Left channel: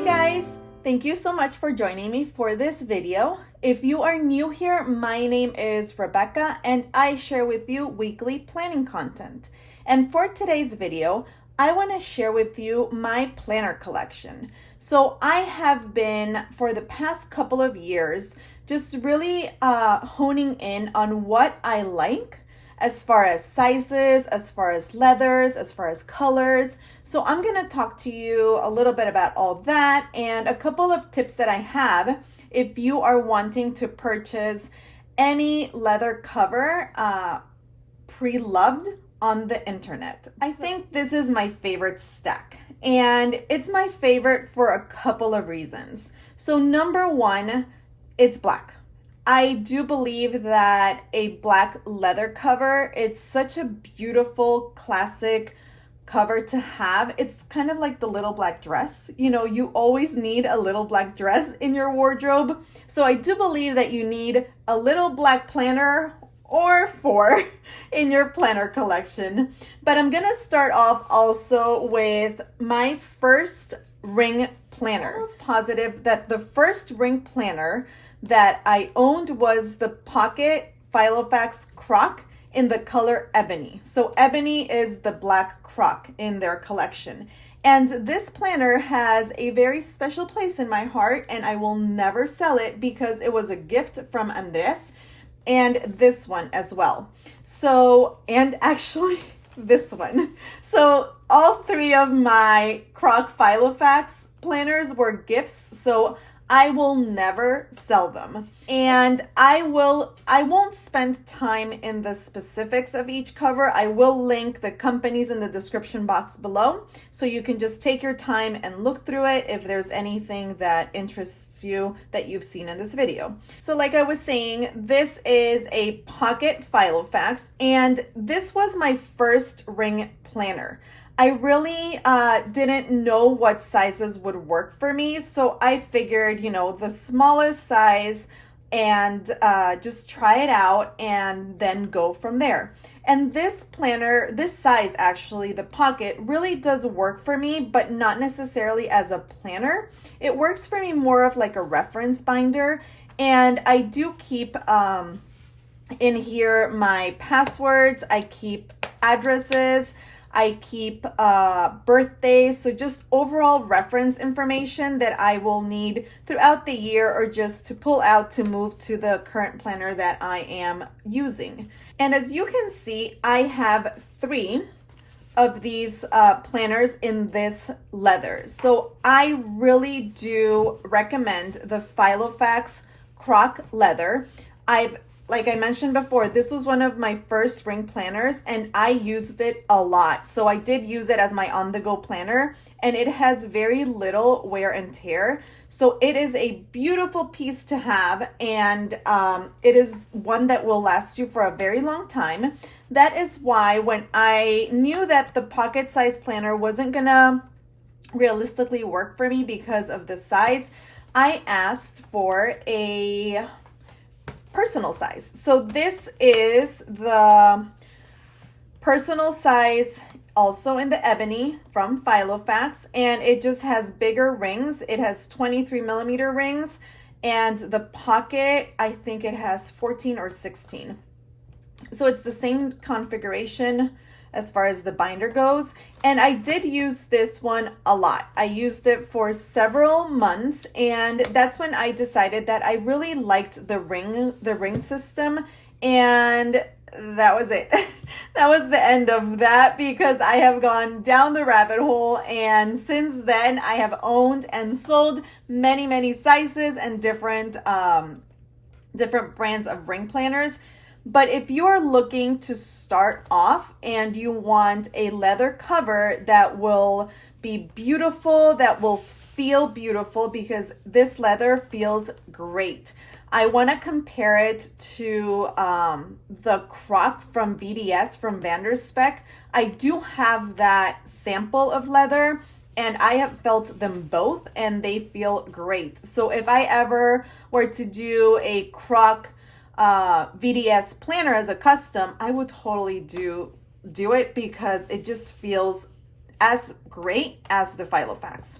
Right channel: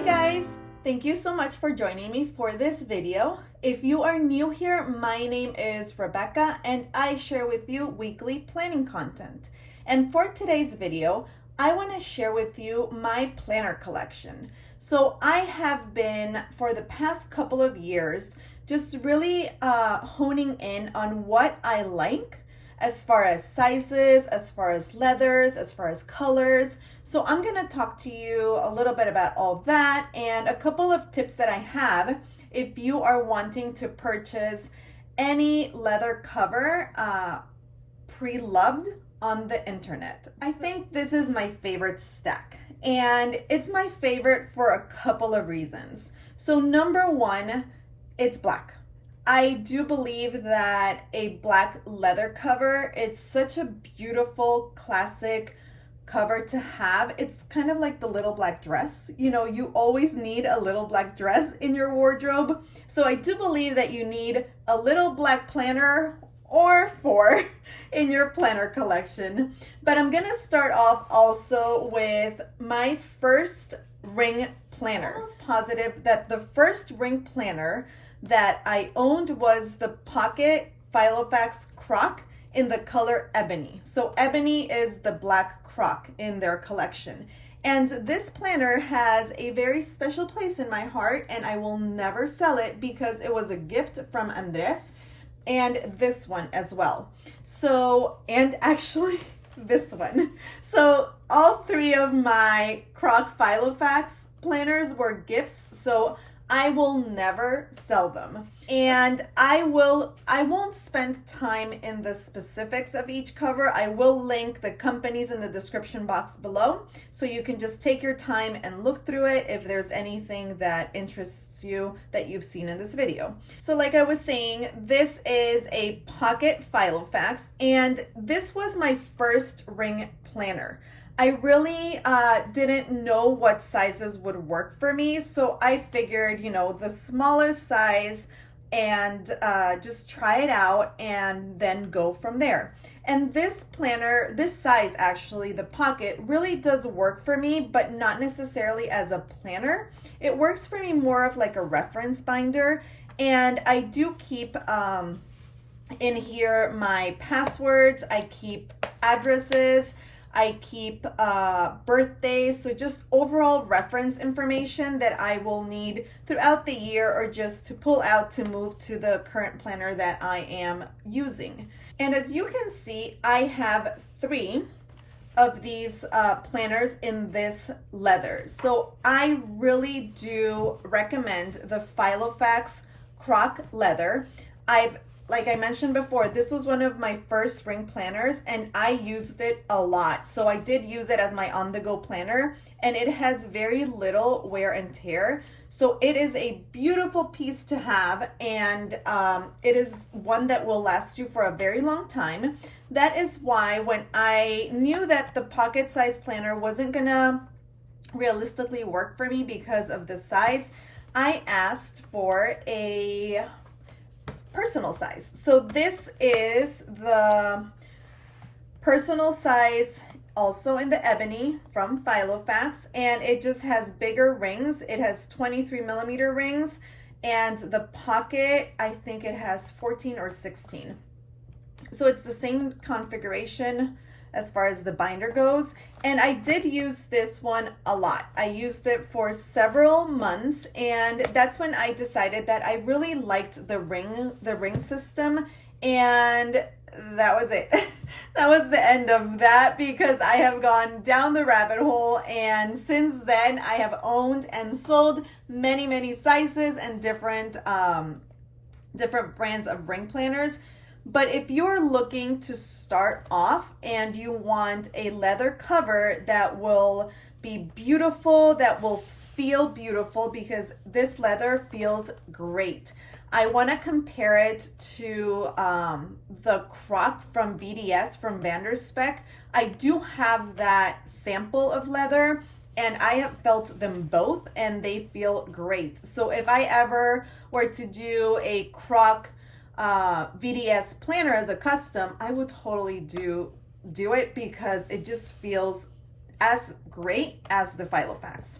Hey guys, thank you so much for joining me for this video. If you are new here, my name is Rebecca and I share with you weekly planning content. And for today's video, I want to share with you my planner collection. So I have been, for the past couple of years, just really honing in on what I like as far as sizes, as far as leathers, as far as colors. So I'm gonna talk to you a little bit about all that and a couple of tips that I have if you are wanting to purchase any leather cover pre-loved on the internet. I think this is my favorite stack, and it's my favorite for a couple of reasons. So number one, it's black. I do believe that a black leather cover, it's such a beautiful classic cover to have. It's kind of like the little black dress. You know, you always need a little black dress in your wardrobe. So I do believe that you need a little black planner or four in your planner collection. But I'm gonna start off also with my first ring planner. I was positive that the first ring planner that I owned was the Pocket Filofax Croc in the color ebony. So ebony is the black croc in their collection. And this planner has a very special place in my heart, and I will never sell it because it was a gift from Andres, and this one as well. So, and actually this one. So all three of my Croc Filofax planners were gifts. So I will never sell them. And I won't spend time in the specifics of each cover. I will link the companies in the description box below, so you can just take your time and look through it if there's anything that interests you that you've seen in this video. So like I was saying, this is a Pocket Filofax, and this was my first ring planner. I really didn't know what sizes would work for me, so I figured, you know, the smallest size and just try it out and then go from there. And this planner, this size actually, the Pocket, really does work for me, but not necessarily as a planner. It works for me more of like a reference binder, and I do keep in here my passwords, I keep addresses, I keep birthdays, so just overall reference information that I will need throughout the year or just to pull out to move to the current planner that I am using. And as you can see, I have three of these planners in this leather. So I really do recommend the Filofax Croc leather. Like I mentioned before, this was one of my first ring planners and I used it a lot. So I did use it as my on-the-go planner, and it has very little wear and tear. So it is a beautiful piece to have, and it is one that will last you for a very long time. That is why when I knew that the pocket size planner wasn't gonna realistically work for me because of the size, I asked for a personal size. So this is the personal size, also in the ebony from Filofax, and it just has bigger rings. It has 23 millimeter rings, and the Pocket, I think it has 14 or 16. So it's the same configuration as far as the binder goes. And I did use this one a lot. I used it for several months, and that's when I decided that I really liked the ring system, and that was it. That was the end of that, because I have gone down the rabbit hole, and since then I have owned and sold many sizes and different brands of ring planners. But if you're looking to start off and you want a leather cover that will be beautiful, that will feel beautiful, because this leather feels great. I want to compare it to the Croc from VDS from Spek. I do have that sample of leather, and I have felt them both and they feel great. So if I ever were to do a Croc VDS planner as a custom, I would totally do it, because it just feels as great as the Filofax.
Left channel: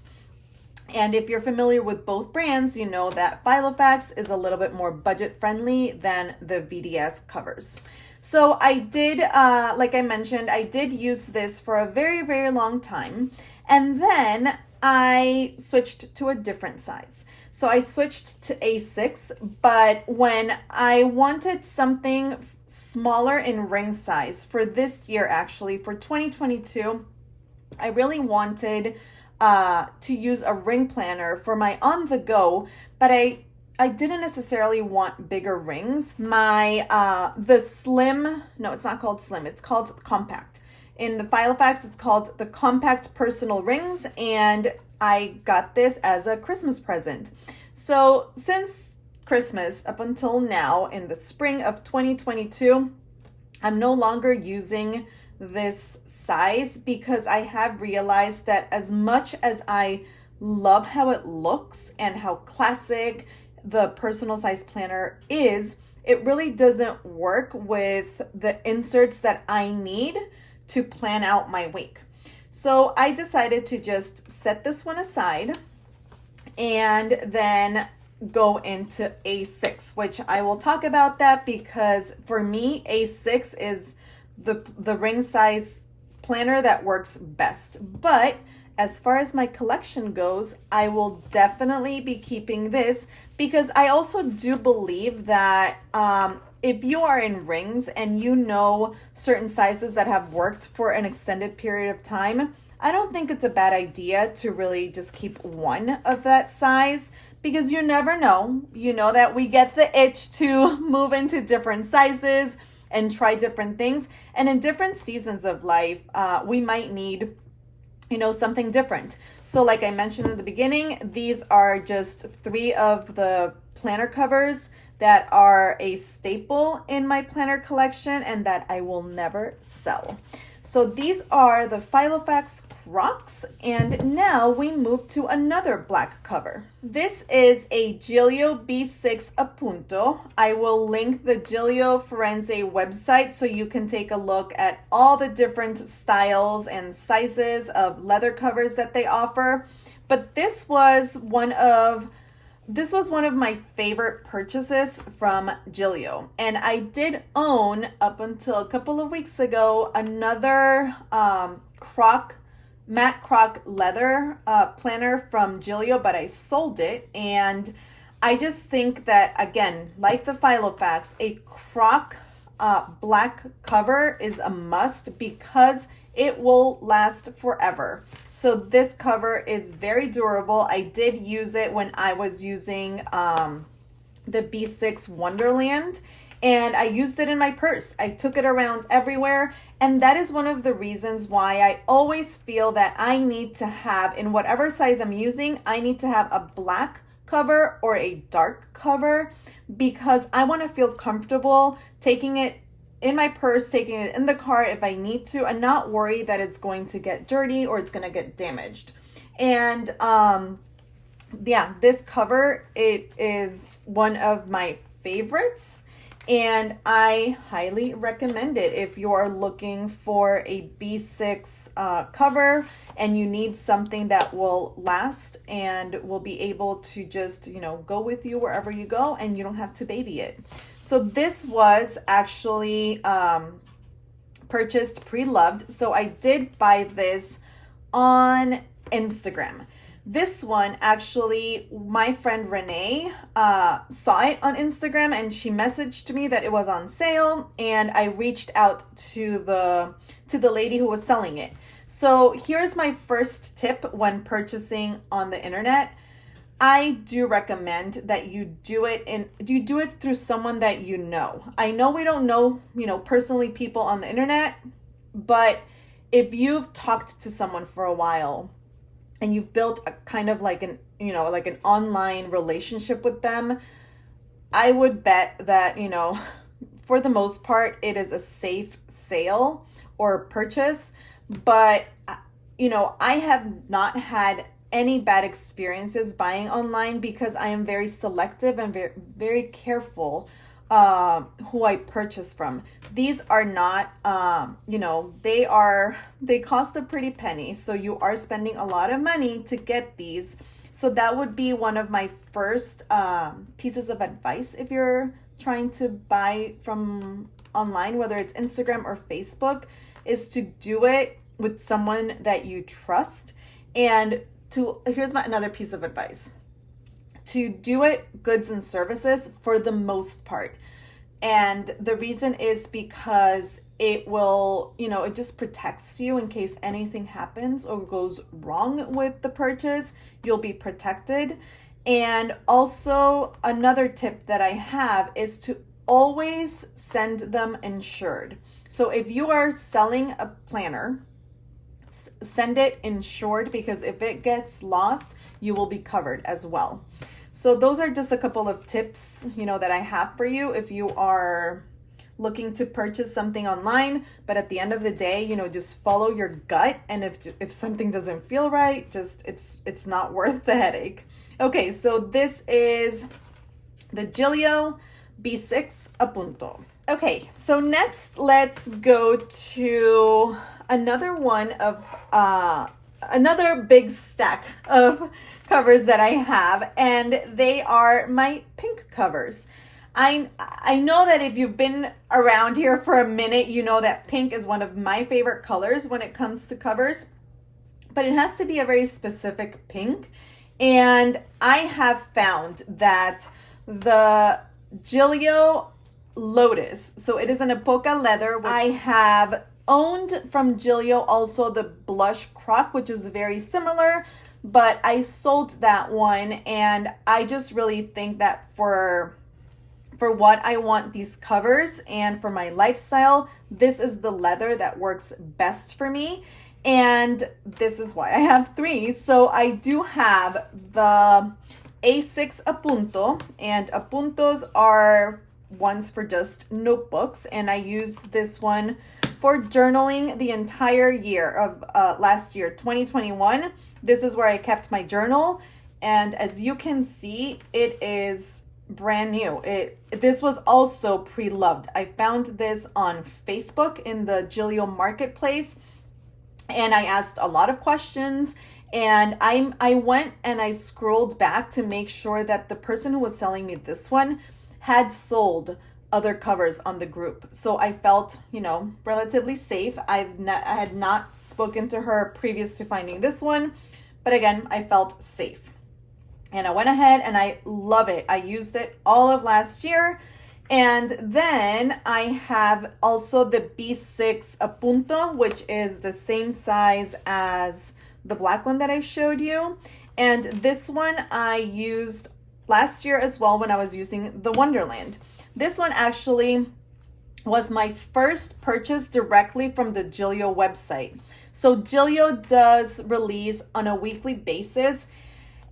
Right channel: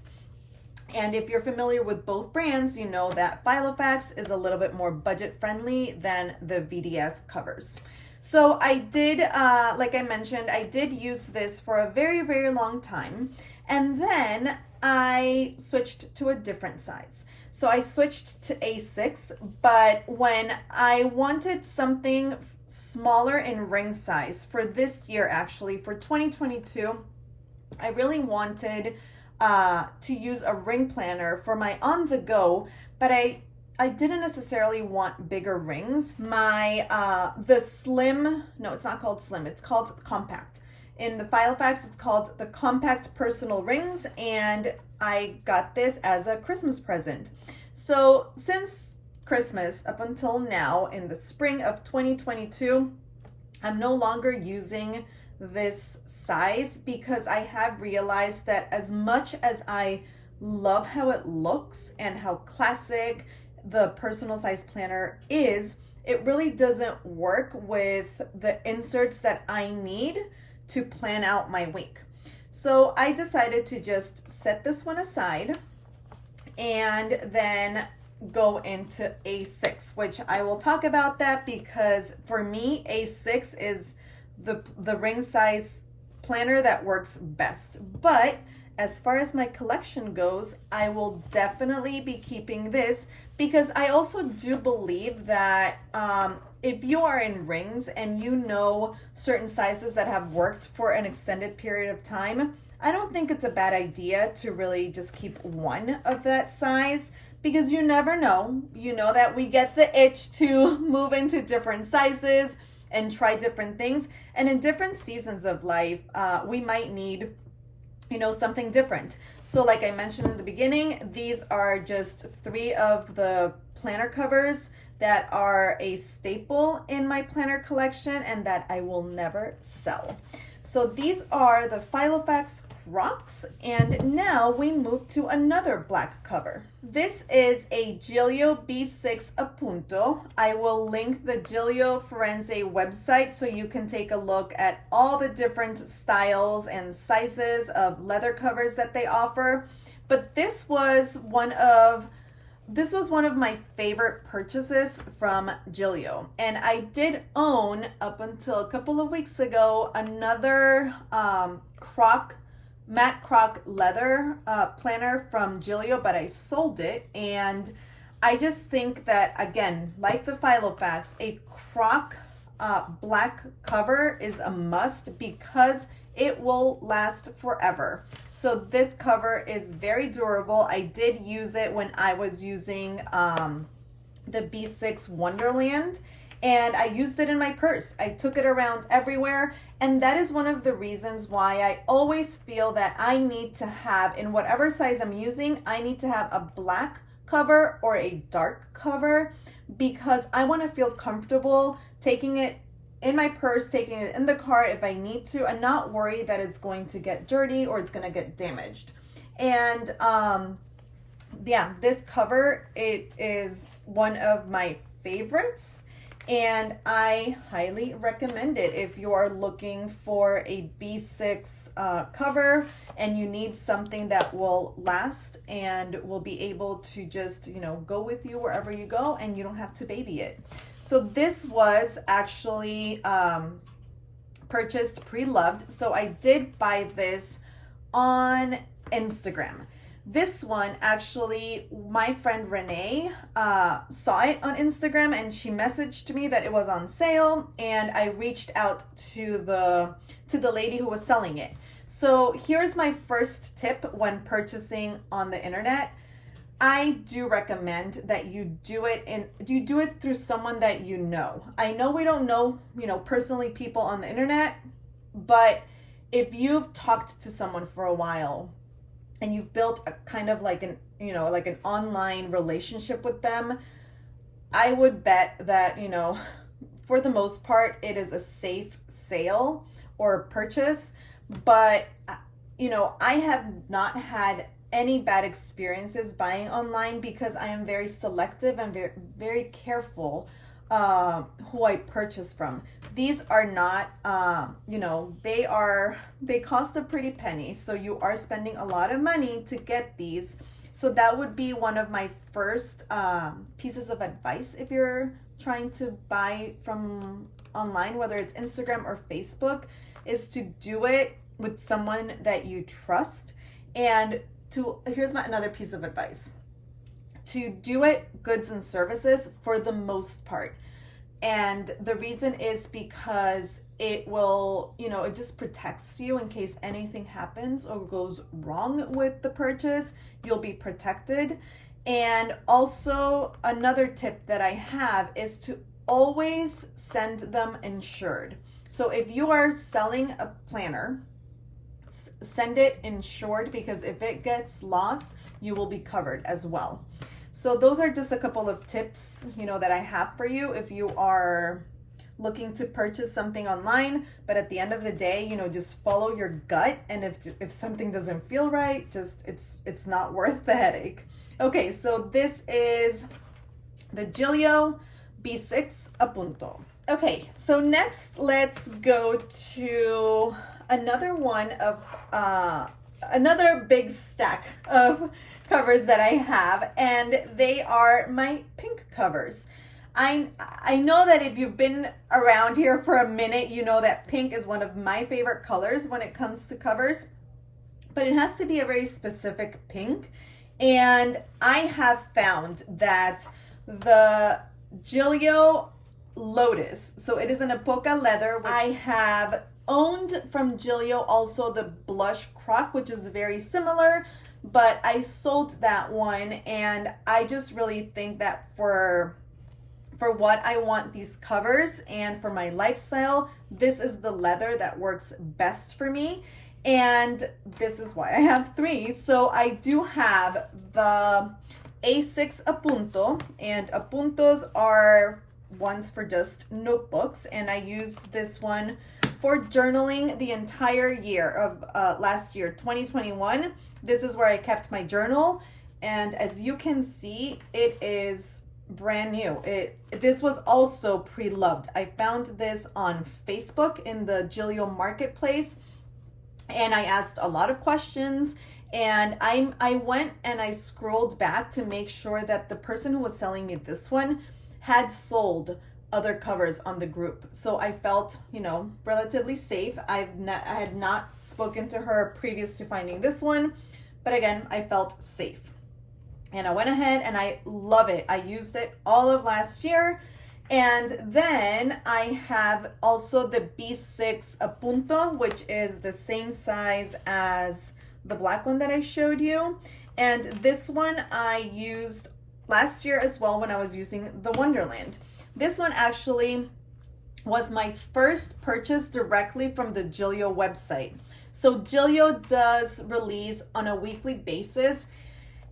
And if you're familiar with both brands, you know that Filofax is a little bit more budget friendly than the VDS covers. So I did, like I mentioned, I did use this for a very, very long time. And then I switched to a different size. So I switched to A6, but when I wanted something smaller in ring size for this year, actually, for 2022, I really wanted to use a ring planner for my on the go, but I didn't necessarily want bigger rings. My the slim, no, it's not called slim, it's called compact. In the Filofax, it's called the compact personal rings, and I got this as a Christmas present. So since Christmas up until now, in the spring of 2022, I'm no longer using this size because I have realized that as much as I love how it looks and how classic the personal size planner is, it really doesn't work with the inserts that I need to plan out my week. So I decided to just set this one aside and then go into A6, which I will talk about that because for me, A6 is the ring size planner that works best. But as far as my collection goes, I will definitely be keeping this because I also do believe that if you are in rings and you know certain sizes that have worked for an extended period of time, I don't think it's a bad idea to really just keep one of that size because you never know. You know that we get the itch to move into different sizes and try different things. And in different seasons of life, we might need, something different. So like I mentioned in the beginning, these are just 3 of the planner covers that are a staple in my planner collection and that I will never sell. So these are the Filofax Crocs, and now we move to another black cover. This is a Gillio B6 Appunto. I will link the Gillio Firenze website so you can take a look at all the different styles and sizes of leather covers that they offer. But this was one of my favorite purchases from Gillio. And I did own, up until a couple of weeks ago, another matte croc leather planner from Gillio, but I sold it. And I just think that, again, like the Filofax, a croc black cover is a must because it will last forever. So this cover is very durable. I did use it when I was using the B6 Wonderland, and I used it in my purse. I took it around everywhere, and that is one of the reasons why I always feel that I need to have, in whatever size I'm using, I need to have a black cover or a dark cover because I want to feel comfortable taking it in my purse, taking it in the car if I need to, and not worry that it's going to get dirty or it's going to get damaged. And this cover, it is one of my favorites, and I highly recommend it if you're looking for a B6 cover and you need something that will last and will be able to just, go with you wherever you go and you don't have to baby it. So this was actually purchased pre-loved. So I did buy this on Instagram. This one, actually, my friend Renee saw it on Instagram and she messaged me that it was on sale, and I reached out to the lady who was selling it. So here's my first tip when purchasing on the internet. I do recommend that you do it through someone that you know. I know we don't know, personally people on the internet, but if you've talked to someone for a while and you've built a kind of like an online relationship with them, I would bet that, for the most part, it is a safe sale or purchase. But, I have not had any bad experiences buying online because I am very selective and very, very careful who I purchase from. These are not, they cost a pretty penny. So you are spending a lot of money to get these. So that would be one of my first pieces of advice if you're trying to buy from online, whether it's Instagram or Facebook, is to do it with someone that you trust. And here's another piece of advice: to do it goods and services for the most part. And the reason is because it will, it just protects you in case anything happens or goes wrong with the purchase. You'll be protected. And also, another tip that I have is to always send them insured. So if you are selling a planner, send it insured, because if it gets lost, you will be covered as well. So those are just a couple of tips, that I have for you if you are looking to purchase something online. But at the end of the day, just follow your gut. And if something doesn't feel right, just it's not worth the headache. Okay, so this is the Gillio B6 a punto. Okay, so next let's go to another one of another big stack of covers that I have, and they are my pink covers. I know that if you've been around here for a minute, you know that pink is one of my favorite colors when it comes to covers, but it has to be a very specific pink. And I have found that the Gillio Lotus, so it is an Apoca leather. I have owned from Gillio also the blush croc, which is very similar, but I sold that one, and I just really think that for what I want these covers and for my lifestyle, this is the leather that works best for me. And this is why I have three. So I do have the A6 a punto, and a puntos are ones for just notebooks, and I use this one for journaling the entire year of last year, 2021. This is where I kept my journal, and as you can see, it is brand new. This was also pre-loved. I found this on Facebook in the Gillio marketplace, and I asked a lot of questions, and I went and I scrolled back to make sure that the person who was selling me this one had sold other covers on the group. So I felt, relatively safe. I had not spoken to her previous to finding this one, but again, I felt safe. And I went ahead and I love it. I used it all of last year. And then I have also the B6 a punto, which is the same size as the black one that I showed you. And this one I used last year as well when I was using the Wonderland. This one actually was my first purchase directly from the Gillio website. So Gillio does release on a weekly basis,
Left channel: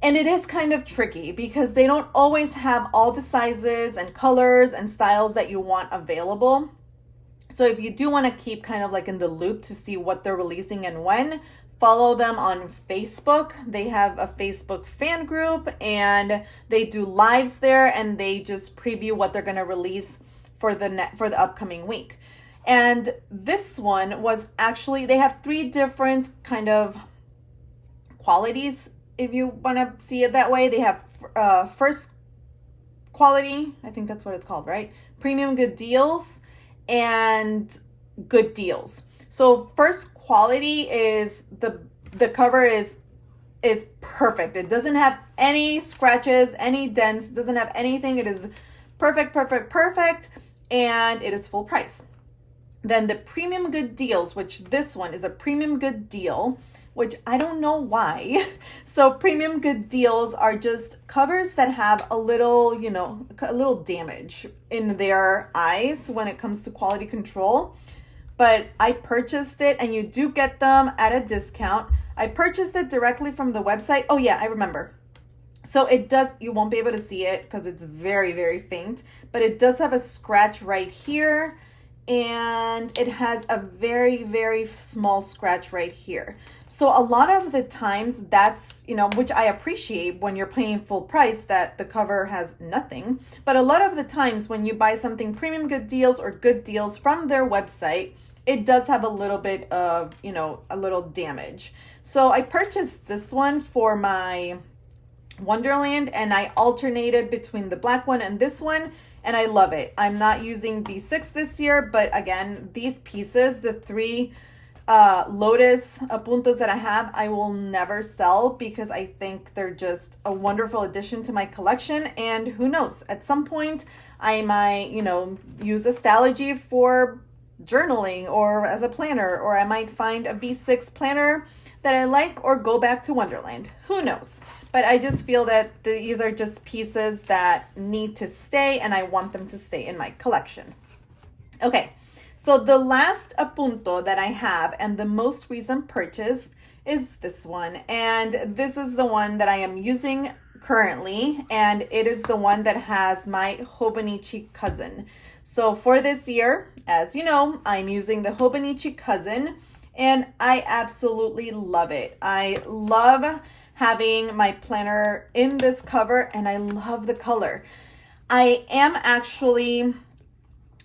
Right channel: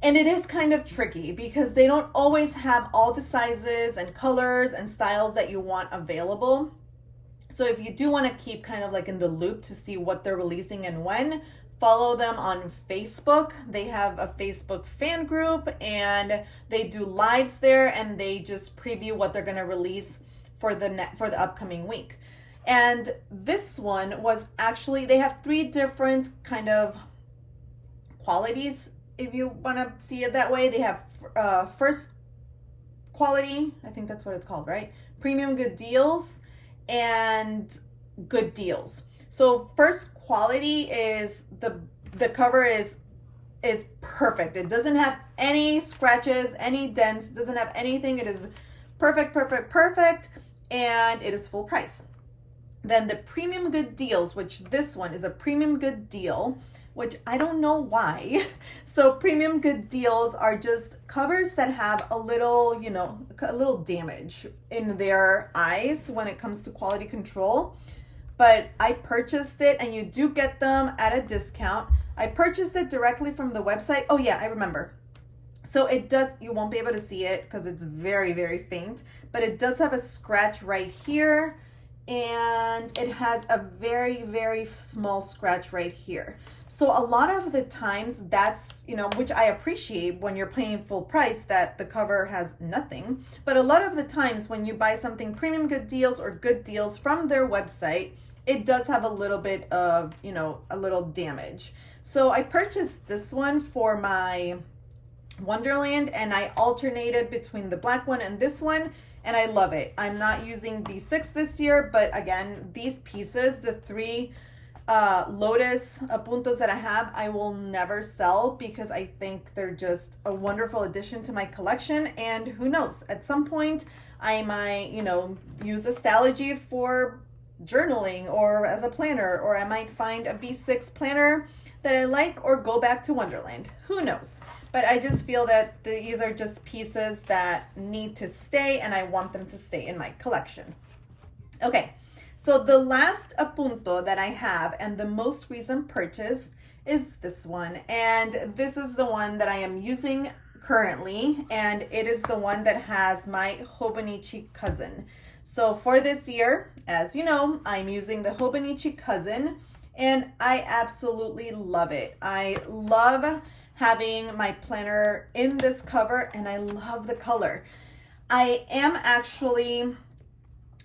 and it is kind of tricky because they don't always have all the sizes and colors and styles that you want available. So if you do want to keep kind of like in the loop to see what they're releasing and when, follow them on Facebook. They have a Facebook fan group, and they do lives there, and they just preview what they're going to release for the upcoming week. And this one was actually, they have three different kind of qualities, if you want to see it that way. They have first quality, I think that's what it's called, right? Premium good deals and good deals. So first quality is the cover it's perfect. It doesn't have any scratches, any dents, doesn't have anything. It is perfect, and it is full price. Then the premium good deals, which this one is a premium good deal, which I don't know why. So premium good deals are just covers that have a little damage in their eyes when it comes to quality control. But I purchased it, and you do get them at a discount. I purchased it directly from the website. Oh yeah, I remember. So it does, you won't be able to see it because it's very, very faint, but it does have a scratch right here, and it has a very, very small scratch right here. So a lot of the times that's, which I appreciate when you're paying full price that the cover has nothing. But a lot of the times when you buy something premium good deals or good deals from their website, it does have a little bit of, a little damage. So I purchased this one for my Wonderland, and I alternated between the black one and this one, and I love it. I'm not using B6 this year, but again, these pieces, the three lotus puntos that I have, I will never sell because I think they're just a wonderful addition to my collection. And who knows, at some point I might, use astrology for journaling or as a planner, or I might find a B6 planner that I like or go back to Wonderland. Who knows? But I just feel that these are just pieces that need to stay, and I want them to stay in my collection. Okay. So the last apunto that I have and the most recent purchase is this one. And this is the one that I am using currently. And it is the one that has my Hobonichi cousin. So for this year, as you know, I'm using the Hobonichi cousin and I absolutely love it. I love having my planner in this cover and I love the color. I am actually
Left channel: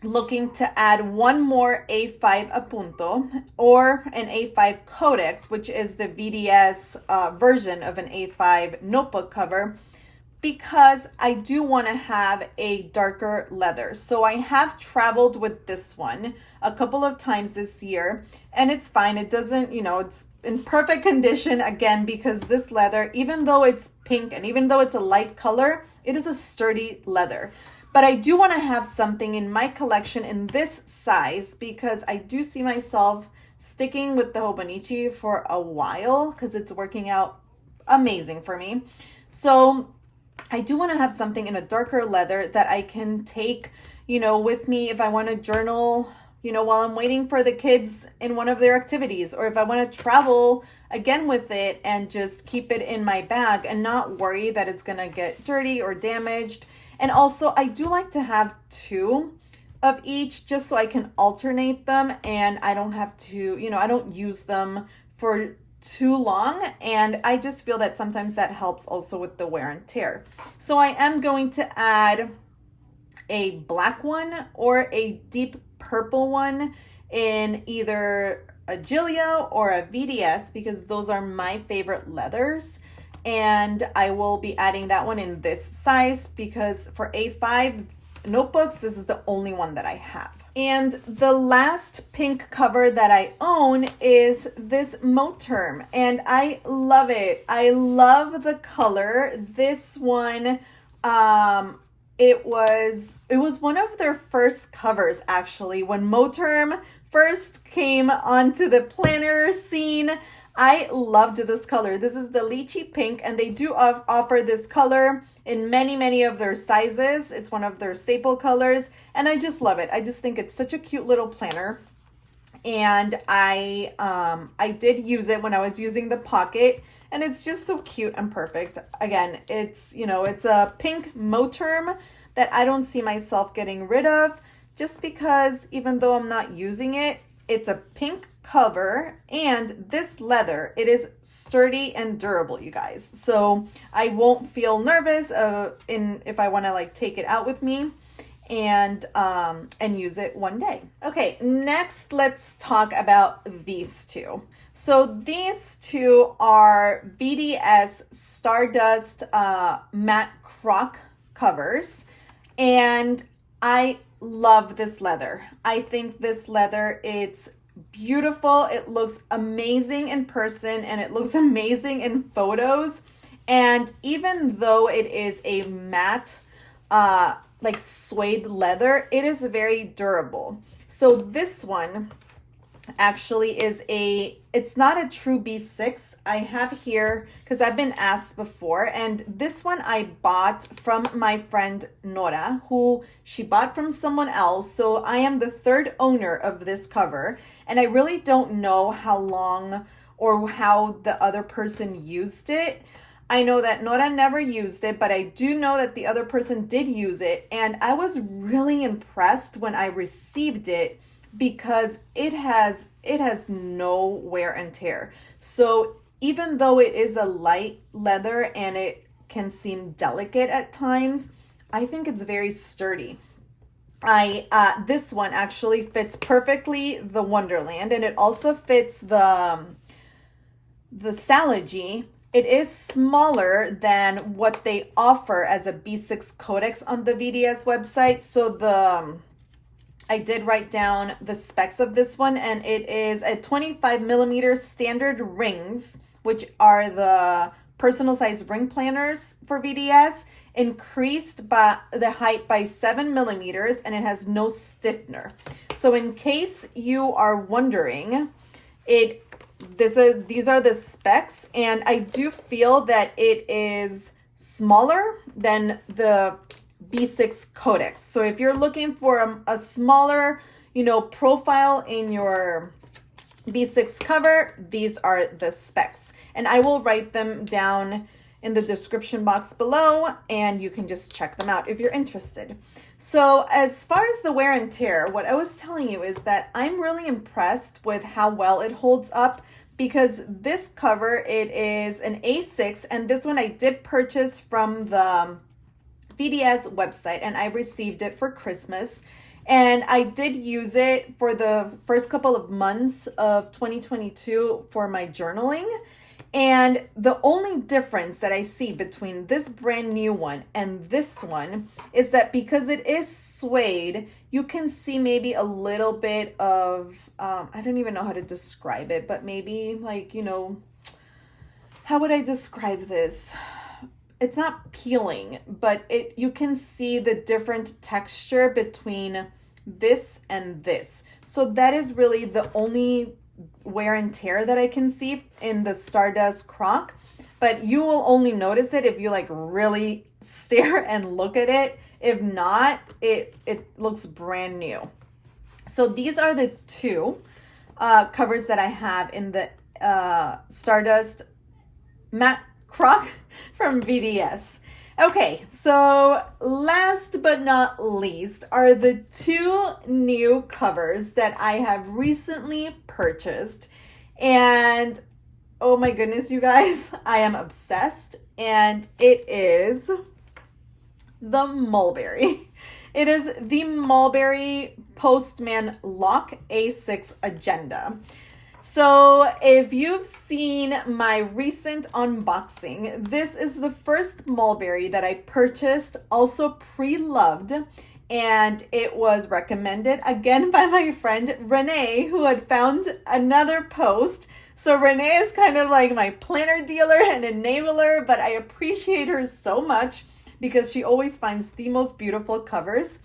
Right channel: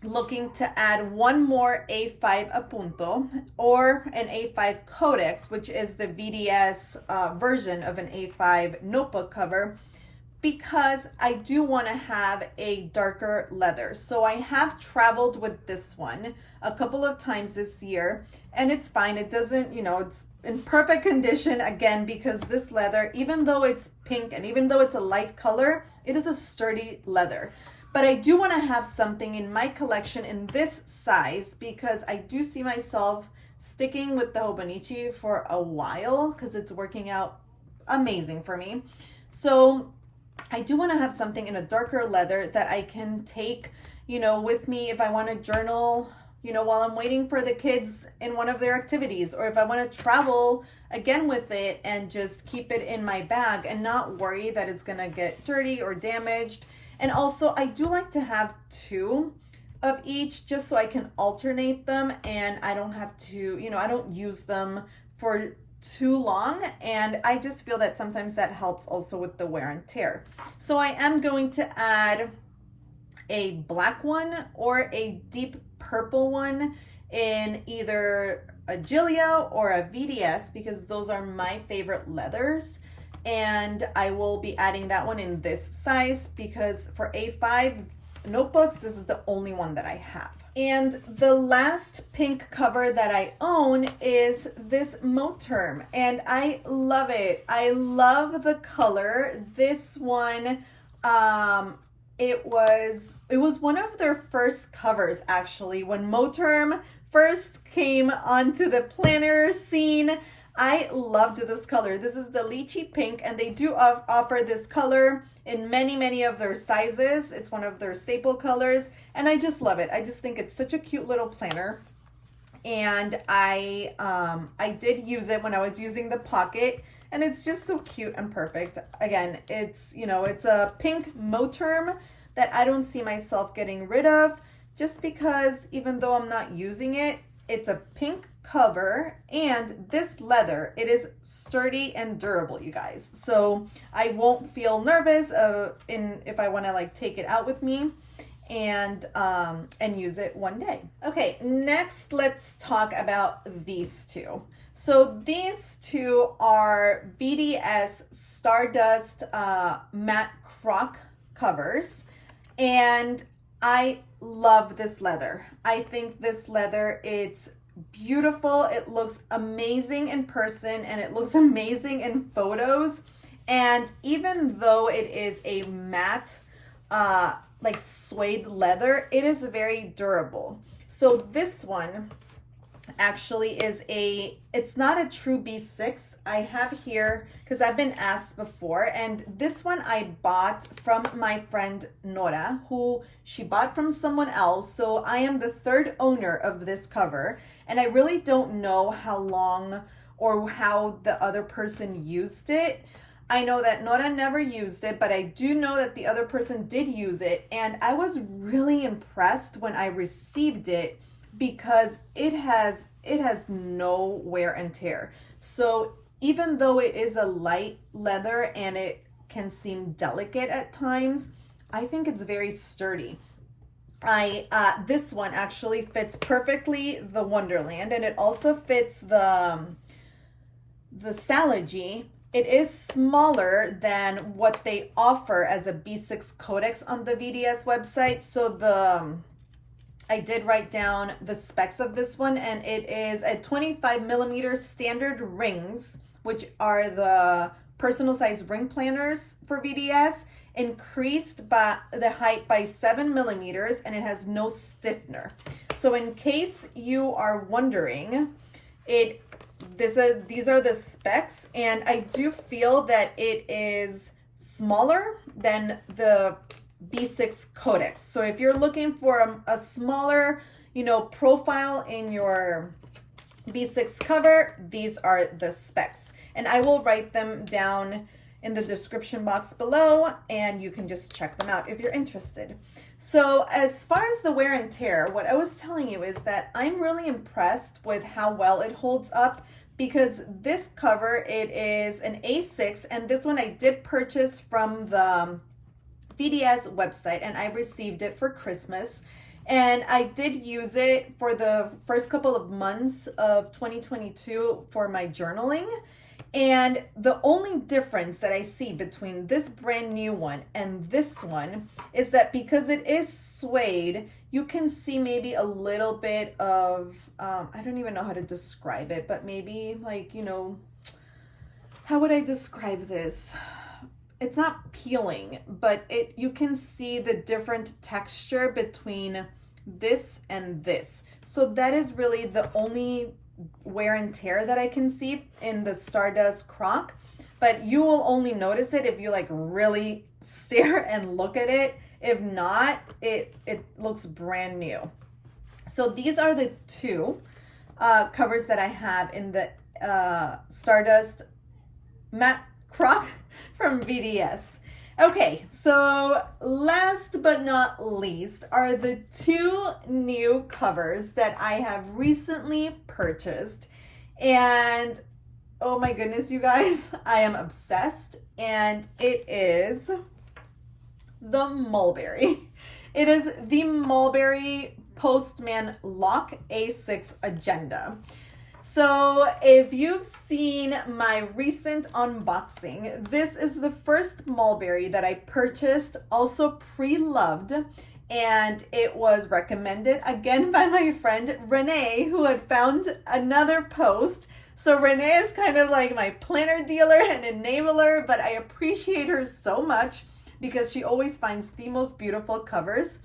looking to add one more A5 apunto or an A5 codex, which is the VDS version of an A5 notebook cover, because I do want to have a darker leather. So I have traveled with this one a couple of times this year and it's fine. It doesn't, it's in perfect condition again, because this leather, even though it's pink and even though it's a light color, it is a sturdy leather. But I do want to have something in my collection in this size because I do see myself sticking with the Hobonichi for a while because it's working out amazing for me. So I do want to have something in a darker leather that I can take, with me if I want to journal, while I'm waiting for the kids in one of their activities, or if I want to travel again with it and just keep it in my bag and not worry that it's going to get dirty or damaged. And also, I do like to have two of each just so I can alternate them and I don't have to, I don't use them for too long. And I just feel that sometimes that helps also with the wear and tear. So I am going to add a black one or a deep purple one in either a Gillio or a VDS because those are my favorite leathers. And I will be adding that one in this size because for A5 notebooks, this is the only one that I have. And the last pink cover that I own is this Moterm, and I love it. I love the color. This one, it was one of their first covers actually. When Moterm first came onto the planner scene, I loved this color. This is the lychee pink, and they do offer this color in many of their sizes. It's one of their staple colors, and I just love it. I just think it's such a cute little planner. And I did use it when I was using the pocket, and it's just so cute and perfect. Again, it's a pink Moterm that I don't see myself getting rid of, just because even though I'm not using it, it's a pink cover, and this leather, it is sturdy and durable, you guys. So I won't feel nervous if I want to like take it out with me and use it one day. Okay, next let's talk about these two. So these two are VDS Stardust matte croc covers, and I love this leather. I think this leather, it's beautiful. It looks amazing in person and it looks amazing in photos. And even though it is a matte like suede leather, it is very durable. So this one actually it's not a true B6. I have here because I've been asked before, and this one I bought from my friend Nora, who she bought from someone else. So I am the third owner of this cover, and I really don't know how long or how the other person used it. I know that Nora never used it, but I do know that the other person did use it, and I was really impressed when I received it because it has no wear and tear. So even though it is a light leather and it can seem delicate at times, I think it's very sturdy. This one actually fits perfectly the Wonderland, and it also fits the Salogy it is smaller than what they offer as a B6 codex on the VDS website. So I did write down the specs of this one, and it is a 25 millimeter standard rings, which are the personal size ring planners for VDS, increased by the height by 7 millimeters, and it has no stiffener. So in case you are wondering, these are the specs, and I do feel that it is smaller than the B6 codex. So if you're looking for a smaller, profile in your B6 cover, these are the specs. And I will write them down in the description box below, and you can just check them out if you're interested. So as far as the wear and tear, what I was telling you is that I'm really impressed with how well it holds up, because this cover, it is an A6, and this one I did purchase from the VDS website, and I received it for Christmas. And I did use it for the first couple of months of 2022 for my journaling. And the only difference that I see between this brand new one and this one is that because it is suede, you can see maybe a little bit of, I don't even know how to describe it, but maybe like, how would I describe this? It's not peeling, but you can see the different texture between this and this. So that is really the only wear and tear that I can see in the Stardust Croc, but you will only notice it if you like really stare and look at it. If not, it looks brand new. So these are the two covers that I have in the Stardust Matte Croc from VDS. Okay, so last but not least are the two new covers that I have recently purchased. And oh my goodness, you guys, I am obsessed. And it is the Mulberry. It is the Mulberry Postman Lock A6 Agenda. So if you've seen my recent unboxing, this is the first Mulberry that I purchased, also pre-loved, and it was recommended again by my friend Renee, who had found another post. So Renee is kind of like my planner dealer and enabler, but I appreciate her so much because she always finds the most beautiful covers.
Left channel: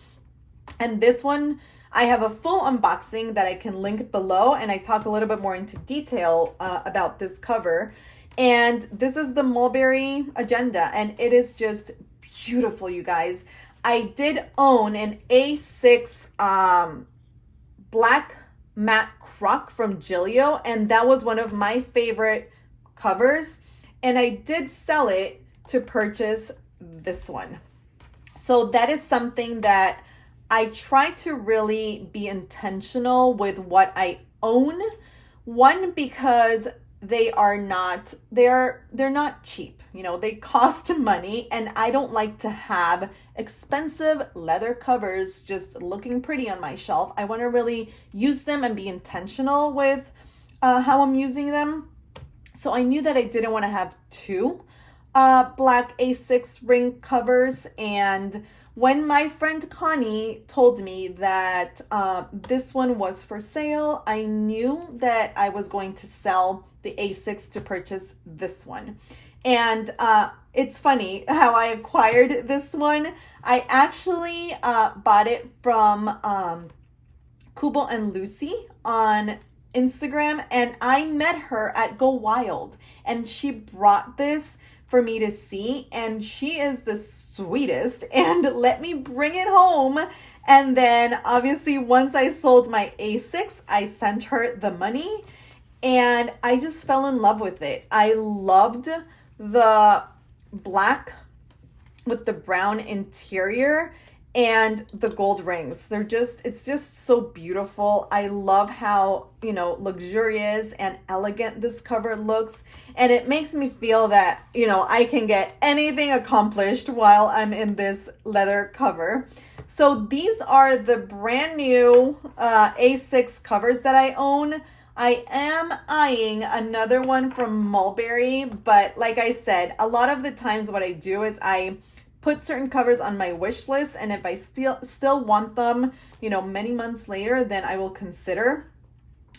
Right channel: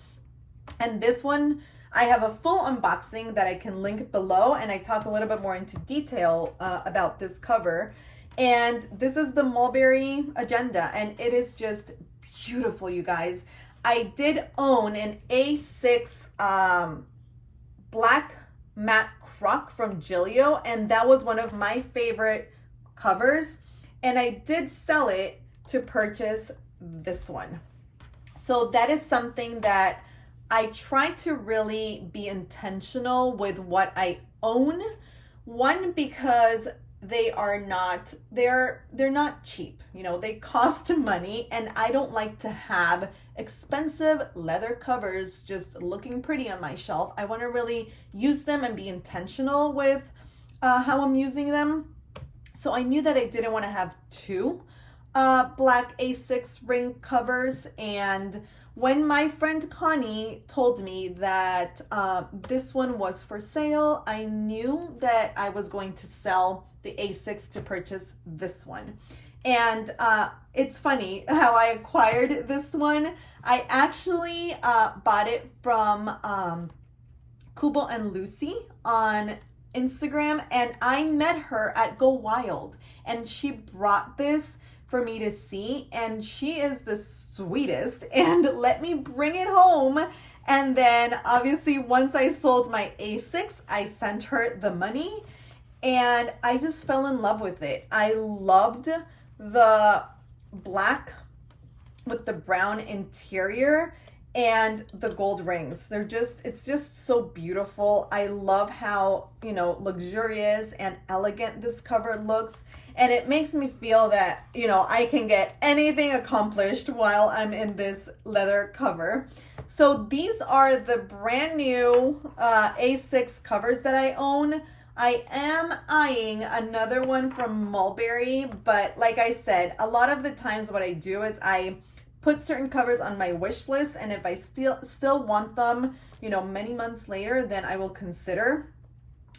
And this one, I have a full unboxing that I can link below, and I talk a little bit more into detail about this cover. And this is the Mulberry Agenda, and it is just beautiful, you guys. I did own an A6 black matte croc from Gillio, and that was one of my favorite covers. And I did sell it to purchase this one. So that is something that I try to really be intentional with what I own. One, because they're not cheap. They cost money, and I don't like to have expensive leather covers just looking pretty on my shelf. I want to really use them and be intentional with how I'm using them. So I knew that I didn't want to have two black A6 ring covers, and when my friend Connie told me that this one was for sale, I knew that I was going to sell the A6 to purchase this one. And it's funny how I acquired this one. I actually bought it from Kubo and Lucy on Instagram, and I met her at Go Wild, and she brought this for me to see, and she is the sweetest and let me bring it home. And then obviously once I sold my A6, I sent her the money, and I just fell in love with it. I loved the black with the brown interior and the gold rings. It's just so beautiful. I love how, luxurious and elegant this cover looks. And it makes me feel that, I can get anything accomplished while I'm in this leather cover. So these are the brand new A6 covers that I own. I am eyeing another one from Mulberry, but like I said, a lot of the times what I do is I put certain covers on my wish list, and if I still want them, you know, many months later, then I will consider.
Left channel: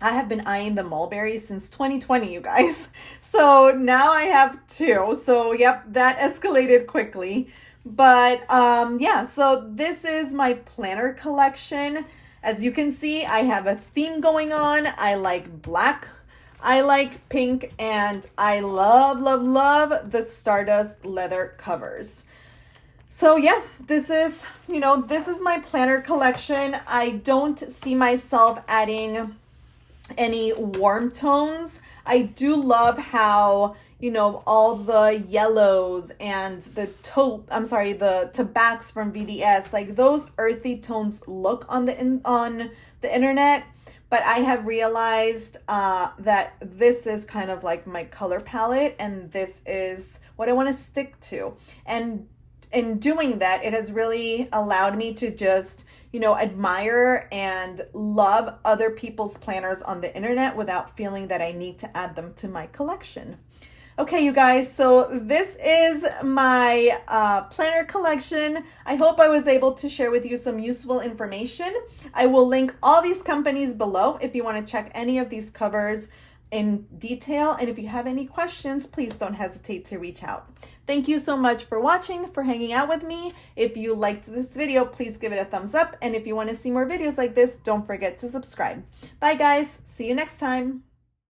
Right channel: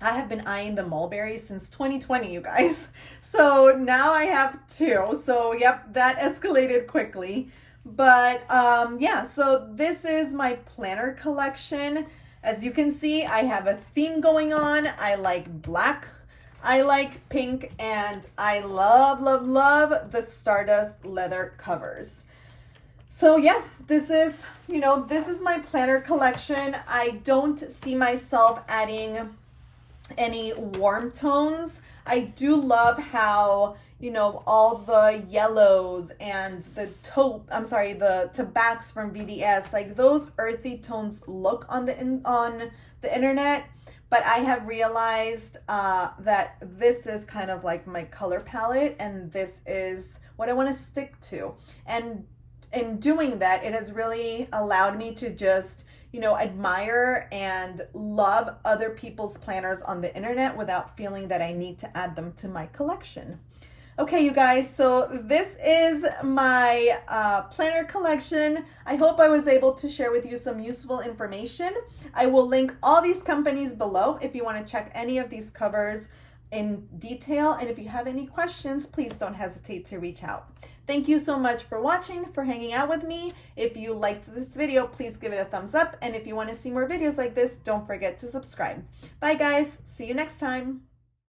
I have been eyeing the Mulberry since 2020, you guys. So now I have two. So yep, that escalated quickly. But yeah, so this is my planner collection. As you can see, I have a theme going on. I like black, I like pink, and I love, love, love the Stardust leather covers. So yeah, this is, you know, this is my planner collection. I don't see myself adding any warm tones. I do love how, you know, all the yellows and the the tobaccs from VDS, like those earthy tones look on the internet, but I have realized that this is kind of like my color palette, and this is what I want to stick to. And in doing that, it has really allowed me to just, you know, admire and love other people's planners on the internet without feeling that I need to add them to my collection. Okay, you guys, so this is my planner collection. I hope I was able to share with you some useful information. I will link all these companies below if you want to check any of these covers in detail. And if you have any questions, please don't hesitate to reach out. Thank you so much for watching, for hanging out with me. If you liked this video, please give it a thumbs up. And if you want to see more videos like this, don't forget to subscribe. Bye guys, see you next time.